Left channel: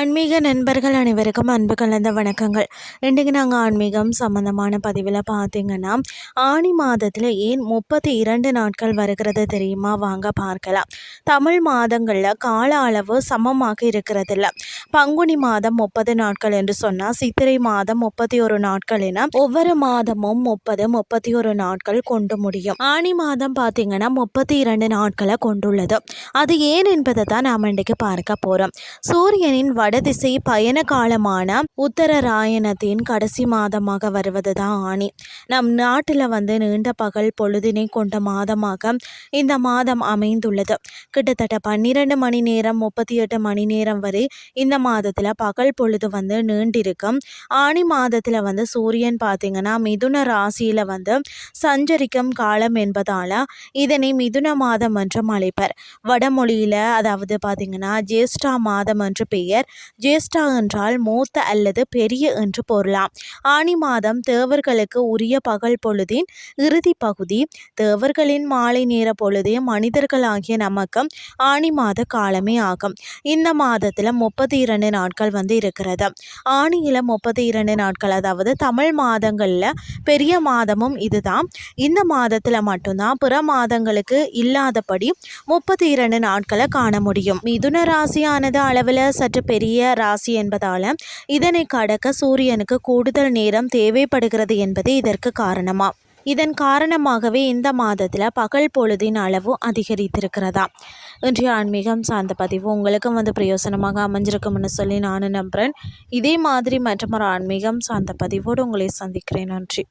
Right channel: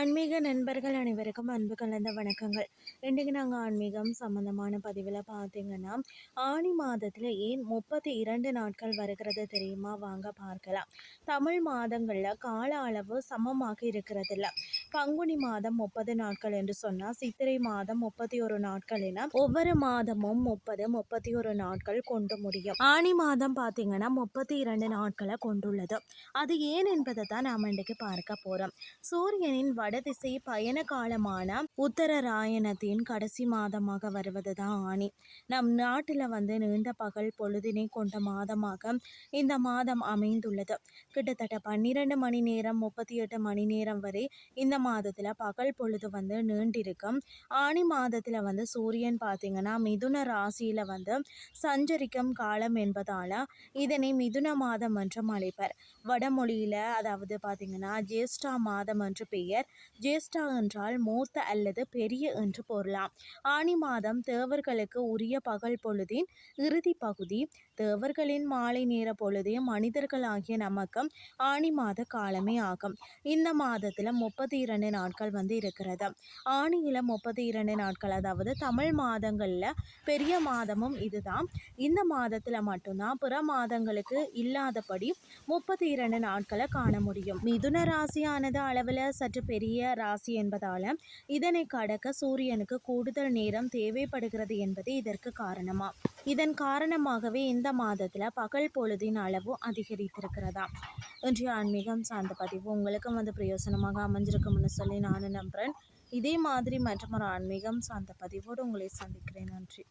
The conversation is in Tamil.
ஆன்மீக நண்பர்கள் அனைவருக்கும் அன்பு கலந்த வணக்கங்கள். இன்றைக்கு நாங்கள் ஆன்மீகம் சம்மந்தமான பதிவில் பார்த்தீங்கன்னா, ஆனி மாதத்தில் ஏன் 32 நாட்கள் வருகிறது தெரியுமா? வாங்க பார்க்கலாம். தமிழ் மாதங்களில் கால அளவு சமமாக இருக்கிறதில்ல. பங்குனி மாதம் 30 நாட்கள் என்று சொன்னால், சித்திரை மாதம் 31 நாட்கள் என ஒவ்வொரு மாதமும் 30, 31 நாட்கள் கொண்டு முடியும். ஆனி மாதம் பார்த்தீங்கன்னா 32 நாட்களை கொண்டுள்ளது. அது ஏன் என்பதை தான் நாம் இன்றைக்கு பார்க்க போகிறோம். சூரியனின் வடதிசை பயண காலமான உத்தரராயணத்தின் கடைசி மாதமாக வருவது தான் ஆனி. நம் நாட்டில் நீண்ட பகல் பொழுதினை கொண்ட மாதமாக இந்த மாதம் அமைந்துள்ளது. கிட்டத்தட்ட 12 மணி நேரம் 38 மணி நேரம் வரை இந்த மாதத்தில் பகல் பொழுது நீண்டிருக்கும். ஆனி மாதத்தில் சூரியன் பார்த்திங்கன்னா மிதுன ராசியில் சஞ்சரிக்கும் காலம் என்பதால் இதனை மிதுன மாதம் என்றும் அழைப்பர். வடமொழியில் அதாவது பார்த்திங்கன்னா ஜேஷ்டா மாதம் என்று பெயர். ஜேஷ்டா என்றால் மூத்த அல்லது பெரிய என்று பொருளாம். ஆனி மாதம் தேவர்களுக்கு உரிய பகல் பொழுதின் இறுதி பகுதி. தேவர்களின் மாலை நேர பொழுதே மனிதர்களாகிய நமக்கு ஆனி மாத காலமே ஆகும். இந்த மாதத்தில் 32 நாட்கள் இருக்கிறது. ஆனியில் 32 நாட்கள், அதாவது தமிழ் மாதங்களில் பெரிய மாதமும் இதுதான். இந்த மாதத்தில் மட்டும்தான் பிற மாதங்களுக்கு இல்லாதபடி 32 நாட்களை காண முடியும். மிதுன ராசியானது அளவில் சற்று பெரிய ராசி என்பதால் இதனை கடக்க சூரியனுக்கு கூடுதல் நேரம் தேவைப்படுகிறது என்பது இதற்கு காரணமா. இதன் காரணமாகவே இந்த மாதத்தில் பகல் பொழுதின் அளவு அதிகரித்திருக்கிறதா. இன்றைய ஆன்மீகம் சார்ந்த பதிவு உங்களுக்கும் பிரயோசனமாக அமைஞ்சிருக்கும்னு சொல்லி நானும் நம்புகிறேன். இதே மாதிரி மற்றொரு ஆன்மீகம் சார்ந்த பதிவோடு உங்களை சந்திக்கிறேன். நன்றி.